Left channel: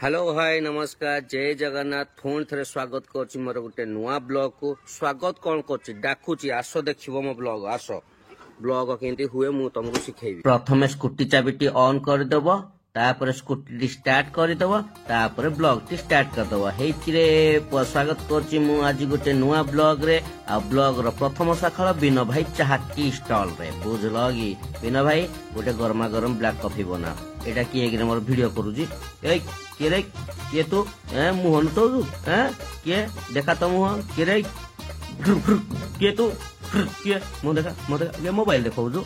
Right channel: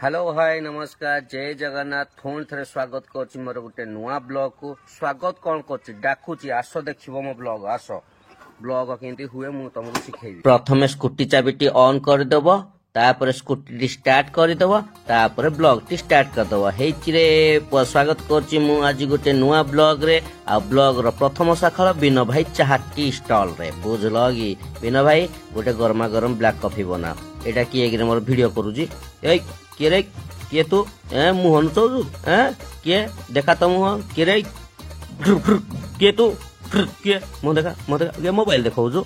Hello hi नमस्कार जय जगन्नाथ पुणी थे स्वागत कर मोर गोटे नुआ ब्लॉग को स्वागत कौन कर डाकुची आस देखो मो ब्लॉग आस ब्लॉग केमती हुए मु तुमको शिखेबी। प्रथम स्कूटी चाबिटी ऑन करदेव तापर स्कूटी स्टार्ट करदेव तापर ब्लॉग टी स्टार्ट करदेव हेइथिरे स्वागत करछि मु आज गोटे नुआ ब्लॉग रे आ ब्लॉग रो प्रथम शाखा बिनो भाई चाहा टी स्टॉल रे बुझल कि बिनो भाई गोटे गरमा गरम ब्लैक कॉफी बना एटा किए मोर वीडियो करूजी ए किए रे किए तू मुहन चौजु किए देखा तो मुह किए रे किए तू किए मुँह देखा ये मोबाइल देखौ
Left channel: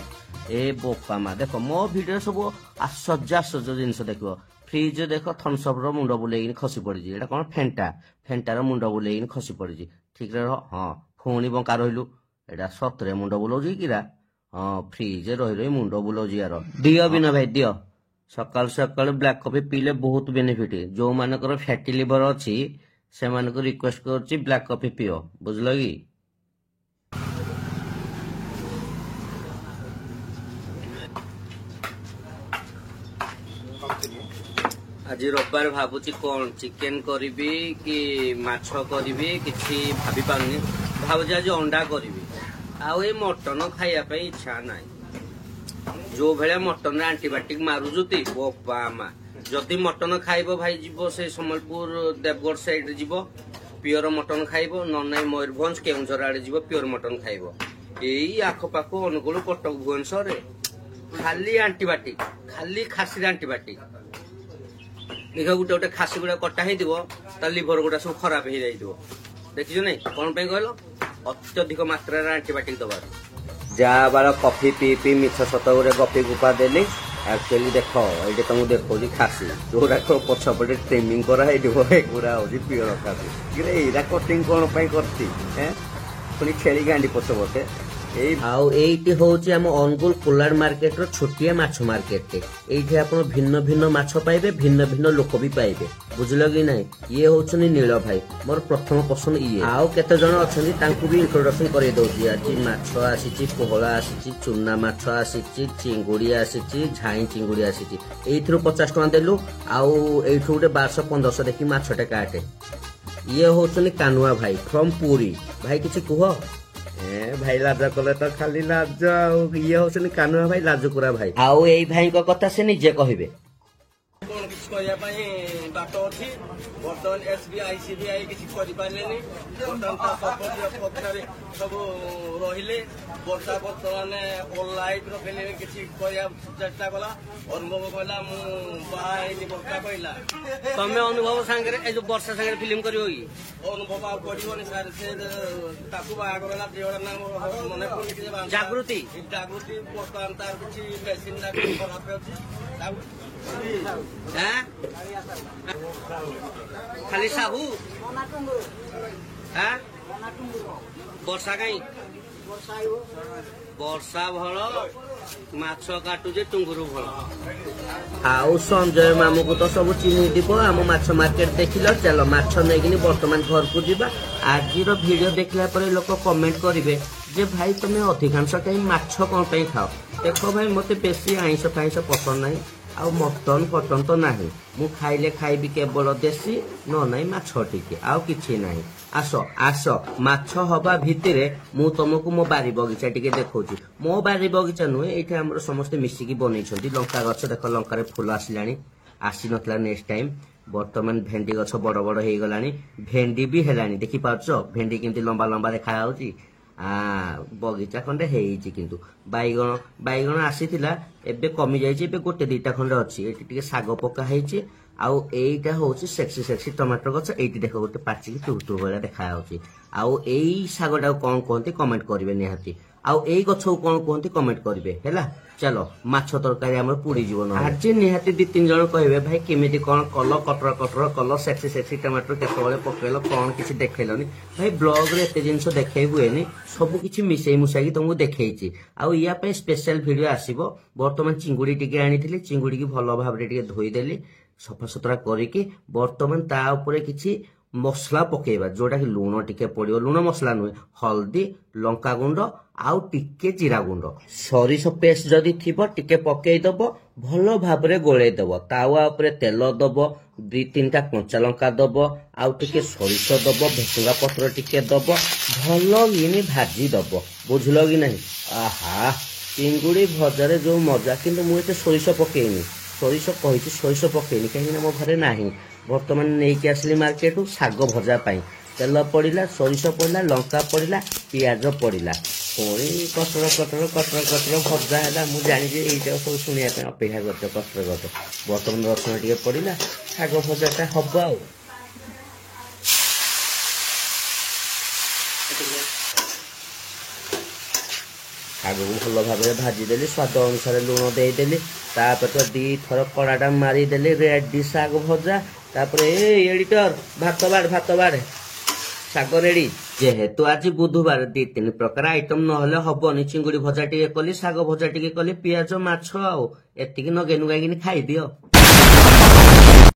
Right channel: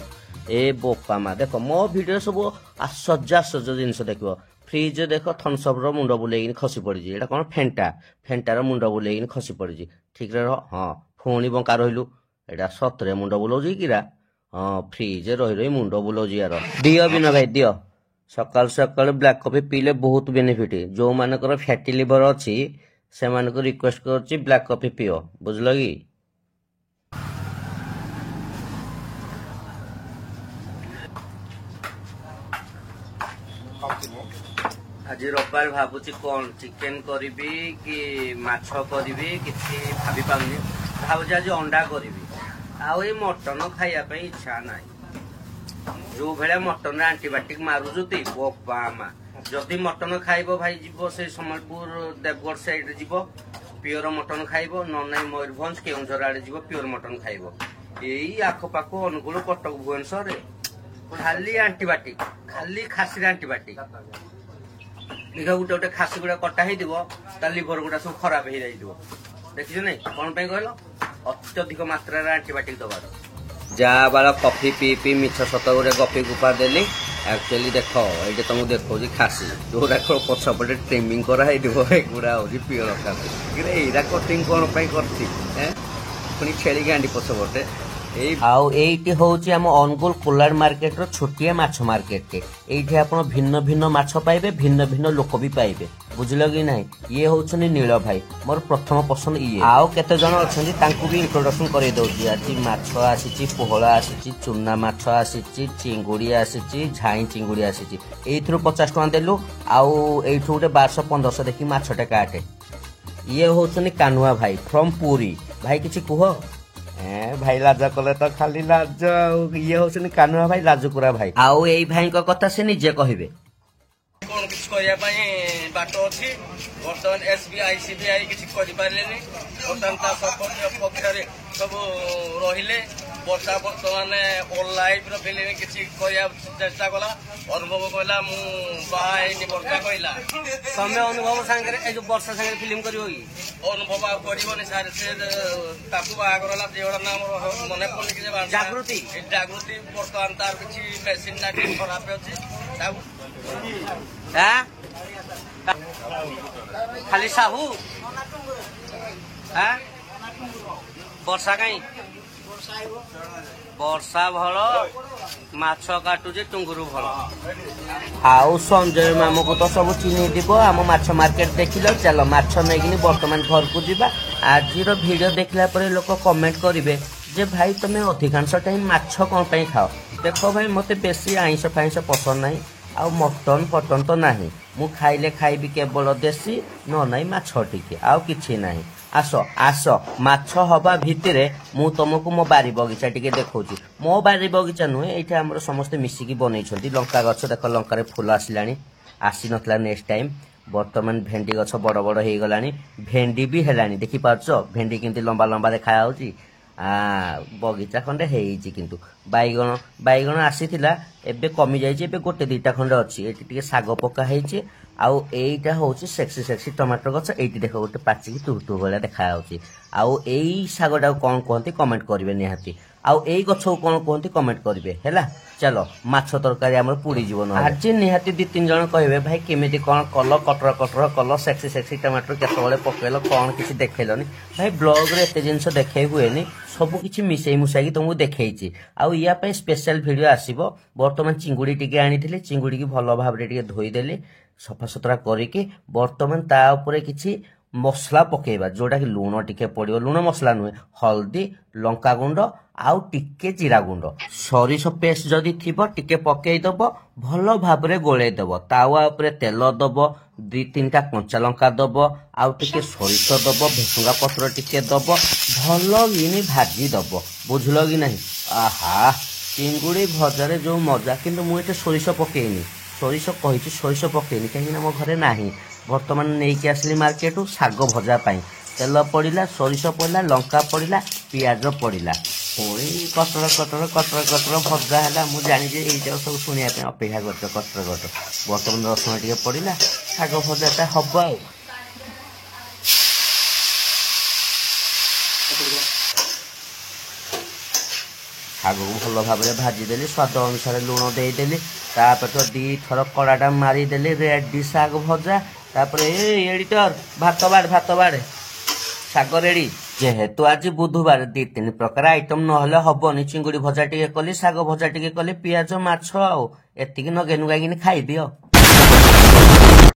ए बोपा मा देख मो वीडियो सब आश्चर्य जिनस देख फ्रिज देख थम्सअप रो मुंड बुलेकिन खसी पड़ी एटा कौन फेंटार मुंड बुलेकिन खसी पड़ी ठीक रह हाँ पुणी बंका रहिलु एटा सतरे मुंड बुलाउजी किरा हाँ फ्रिज रही रही मुंड बुलाउजी यार दियो बिना भाई दियो सकाल सकाल ब्लैक कॉफी पीले बहुत बेनिफिट जो मानकर फैटी लिवर अच्छी से मानक रिक्वेस्ट करछि ब्लैक कॉफी पियो बुझल कि आज रविवार भावुची कौन चिकेन करी कि माछ करी किसी भाभी पानी भावुची आज अंडा करी आउ ये मटन खाइबा इच्छा नहीं जो भाया मटन आंटीबायोटिक मारुजुती बोपा मा जदि मटन खाइब भाई जीव से सम्बलपुर देवगढ़ साइड जीव प्योर मटन खाइब न मयूरभंज केउझर आड़े जीव प्योर मटन खाइब यही आखपाख अनुगुल कटक भुवनेश्वर खाली आंटीबायोटिक खाली खासी आंटीबायोटिक देख गोटे गोटे खासी गुड़ा कटा हो लिभर गुड़ा सब खराब हो जाइए देखिए नहीं कौन कहल अत्यधिक मात्रा आंटीबायोटिक दबार जहाँ बाला कॉफी पी पी मिछ सत गोटे गपी गुपा देली एक्चुअली देख ये तुमको देखो खासी जोड़ा पछपटे ट्रिमिंग कराइगुड़ा हूँ प्योर खासी एरा कटिंग कौन पुणी छेली गांडी पछपटे एइटी होउची हम अनुगुल कोलाड मार्केट रो छोटिया माछ मार्केट एइठी आपण भिन्न भिन्न माछ पाइबे भिन्न भिन्न लोक भी पाइबे बुझल कि नहीं ये होउछनी नील भाई मोर प्रथम पसंद ये आउ केते जण अछनी तांकू भी इंट्रोडक्शन करै दउची आज माछ आसीची पोहळा आसीची चुन्ना माछ आसीची चिंगुड़ी आसीची झाई चिंगुड़ी आसीची एइथरो 50 टका देलु आउ एइठो गोटे 1200-1500 देखि माछटे काटे ये होउछनी कानुआ भाई फ्रॉम पुरी भाई किछि कुह भाई लाज कले तो खाली लाज ये हो कानुआ भाई लाजुकुरा भाई आउ एई भाई को कथा से निजे कहबे कोन किछ कहया पई बाटो अछि वर्तमान एसबीआई सीबीआई किछ करि पारलेनी वर्तमान ता सब पक्षरे सब रहिले वर्षा वर्तमान ऑल लाइफ रो फिल्म किछ कहया चेष्टा कला अनुभव कहला मु बाहाई वर्षा कहला तमे अनुभव संगे ए जो वर्षा संगे फिल्म करियो की अनुभव आ करिवनी सारे से ताकू बागरला जेवडा नाम मने पड़नी कि जागृति वर्तमान तार किछ मेसिन ना खराब अछि खाली साहू वर्षा कहीं वर्षा भल माछ काटुजे टुंगुरु भल आउ संजय मामू को तो सब चिन्ह दिब आम माछ मार्केट देखिल चल माछ नहीं बर्तमान घर को जीवा आज वीडियो देखला पर लोक कमेंट करेंगे जे भाई तुम अधिकांश टाइम माछ कौन पे खाओ देख भाई मत बेसी आइंस फाइंस पसंद नहीं आ मटन फटन तो नहीं मु खाइले खाइबी केवल देसी न नहीं माछ टिके आउ किछि नहीं आस आस माछ हवा भितर मु तुमको मो बारी बगीचा टिके देखौची मो बारी बगीचा नुहे एठी हमर समस्त मिसिकी बनैछंती लंका गछ देख लंका रे फूल आसिलानी आसी नथला नेक्स्ट टाइम वर्तमान भेंडी गछ बड़ बड़ हे गलानी भेंडी भी हेलानी देखि पाछो भेंडी किंतु लंबा लंबा देखा होची बगीचा खंडे हेइची किंतु बैगण आसीथिला एबे कमी जाइछि एबे गोटे दुईटा खंडे अछि एठी टिके साग पका हेइछि आउ एइटा होउछि सेक्सी टमाटर गछ एइटी देखो गोटे पाचिकी टुटु भला देखा होउछि आउ एई सागटा कोन कोंती कमेंट करिवे निहाती आउ एई गछ कोन कोंती कमेंट करिवे हैला चलो माछ तरकारी हमर पूरी जीवन आज निहाती 2-3 जण कहबे भाई केमिति कोन कल कटर कल सेक्सी टमाटर केतबेले पकेलो कोन किछ देखैलनी भाई ब्लॉग रे एते जिंस देखै हुएनी सब किछि मिसै मुसाई तुमको देखैछि आउ या पे स्पेशल वीडियो आसीबो वर्तमान चिंगुड़ी टिके आनिथिले चिंगुड़ी की भलो भाबरे टिके धोई देली सफा सुतरा करिके वर्तमान ता ऊपर किछि मसला पकेबा जोटा कि लूण टिके पड़ियो लूण मसला नुहे हल्दी लंका गुंड आउ टिके जीरा गुंड सरिष पेस्ट जदि थिबो टिके पकेई दबो भलो भाबरे गोळेई दबो तावा ऊपर तेल दबो ଦି ତିନିଟା କଞ୍ଚା ଲଙ୍କା ଦବ ଆଉ ଟିକେ ସୋରିଷ ଦବ ଭେସୁଙ୍ଗା ପତ୍ର ଟିକେ ଦବ ଭଲ କିନି ଭାଜି ଦବ ବୁଝିଲ କି ନାହିଁ। ଆହା ଚିଙ୍ଗୁଡ଼ି ଭଜାରେ ଯୋଉ ମଜା କିନ୍ତୁ ମୁଁ ଏତେ ସୋରିଷ ପକେଇନି ସୋରିଷ କହିଛି ସୋରିଷ ପକେଇନି କାହିଁକିନା ମୋ ଘରେ ନାହିଁ ବର୍ତ୍ତମାନ ନେଇକି ଆସିଲି ମାର୍କେଟରୁ ଶାଗ ଭଜା ପାଇଁ ତେଲ ପଡ଼ିଲା ସୋରିଷ ପଡ଼ିଲା ଲଙ୍କା ପଡ଼ିଲା ପିଆଜ ପଡ଼ିଲା ପୁଣି କଟର ଭଜା ହେଲା ମୁଁ ଜାଣିଛି ଏଇଟା ସବୁ ଶୁଣିବା ପାଇଁ ଅପେକ୍ଷା କରୁଛ କଟର ବର୍ତ୍ତମାନ ରସୁଣ ଟିକେ ପଡ଼ିଲା ଶାଗ ଭଜାଟା ହବ ଆଉ ଶାଗକୁ ଭଲ ଭାବରେ ଭାଜିଦେଲି ସ୍ୱାଦ ଅନୁସାରେ ଲୁଣ ଦେଇଦେଲି ତାପରେ ତ ଦିଥର କଡ଼ାଟା ମାରିଦେଲି ରେଡି ଶାଗ ଭଜା ତାପରେ ଏଡ଼ିଟର ଭାତ ବାଢ଼ ଶାଗ ରେଡି ଯେହେତୁ ଆଜି ବୁଧବାର 2-3 ପ୍ରକାର ଆଇଟମ ନହେଲେ ହବନି ଚିଙ୍ଗୁଡ଼ି ଭଜା ଟିକେ କଲି ଶାଗ ଭଜା ଟିକେ କଲି ପିଆଜ ମାଛ ଆଉ ଏତିକି ନଗେଇ ନୁଗାଇକିନି ଖାଇଦିଅ।